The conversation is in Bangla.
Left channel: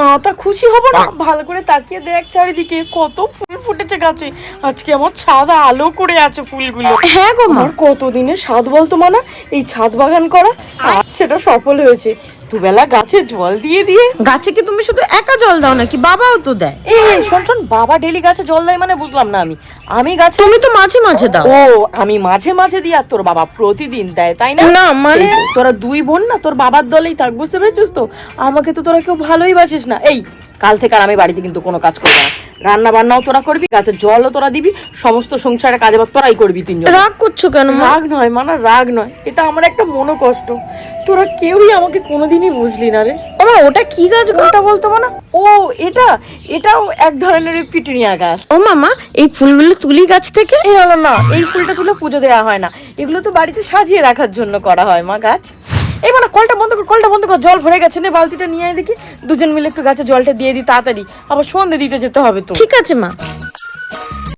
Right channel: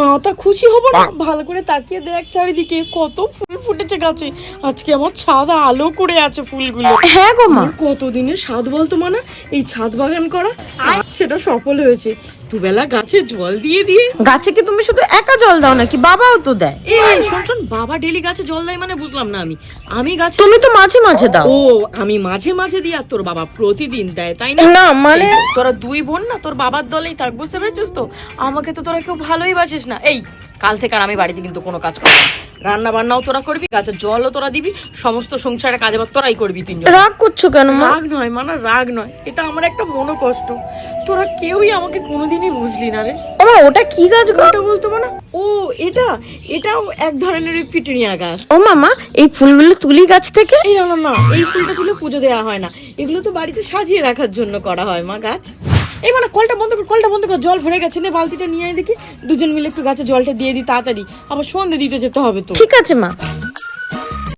মাথা খুশি হবো না? ভালো করে তাকিয়ে দেখ চারিদিকে কত ফুল ফুটেছে গাছে। আজকে আমার ছাদ আলো করে আছে ফুলগুলো। হ্যাঁ গো মা, কতদিনের স্বাদ বলতো মানা এই ছাদ বাগান করা। আজ সেটা সফল হয়েছে দুবেলা গাছে জল দিয়ে দিয়ে। গাছে কি তুমি শুধু একা জল দাও নাকি বাবাও তো দেয়? এই শোন শোন, বাবা ডেলি গাছে জল দেয় মানে বুঝলাম না আমি। আমি গাছে তুমি তো মাঝে মাঝে দাও। ও আমি মাঝে মাঝে দিই আর তোর বাবা প্রতিদিন দেয়, তাই না? না মানে তোরা দুই বোন না, তোর বাবার দলেই থাক, বুঝতে পেরেছিস তো? আমাকে তো তোরা কেউ ভালোই বাসিস না। এই কাল থেকে আর আমি বাড়িতে কিন্তু কোনো কাজ করবো না। রান্না বান্নাও তোরা করবি, গাছের জলও তোরা দিবি, সমস্ত সংসারের কাজে তোরাই করবি তিনজন। রাগ করছো কেন মা? রাগ নয় মানা, রাগ নয়, এটা আমার একটা মনোকষ্ট। তোরা কেউই আমাকে কোনোদিনই বুঝলি না রে। ওমা ওটা কি গাছ গো? ওটা বলতো না, ও এটাও এক ধরনের পিটুনিয়া গাছ। ও মামা, এই ফুলগুলো তুলি গাছ থেকে? এই না না, এই ফুলটা তুলে পুজো দেওয়া হয় না, এগুলো তো বাড়িতে সাজিয়ে রাখার জন্য করা হয় মা গাছ। এই মানে কলটা বন্ধ কর, কলটা বন্ধ কর, জল ভরে গেছে, নে বালতিটা নিয়ে আয় দেখি, দুজন মিলে একটু গাছে জলটা দিয়ে দিই তাড়াতাড়ি, আবার সন্ধে দিতে যেতে হবে তো। ঠিক আছে মা।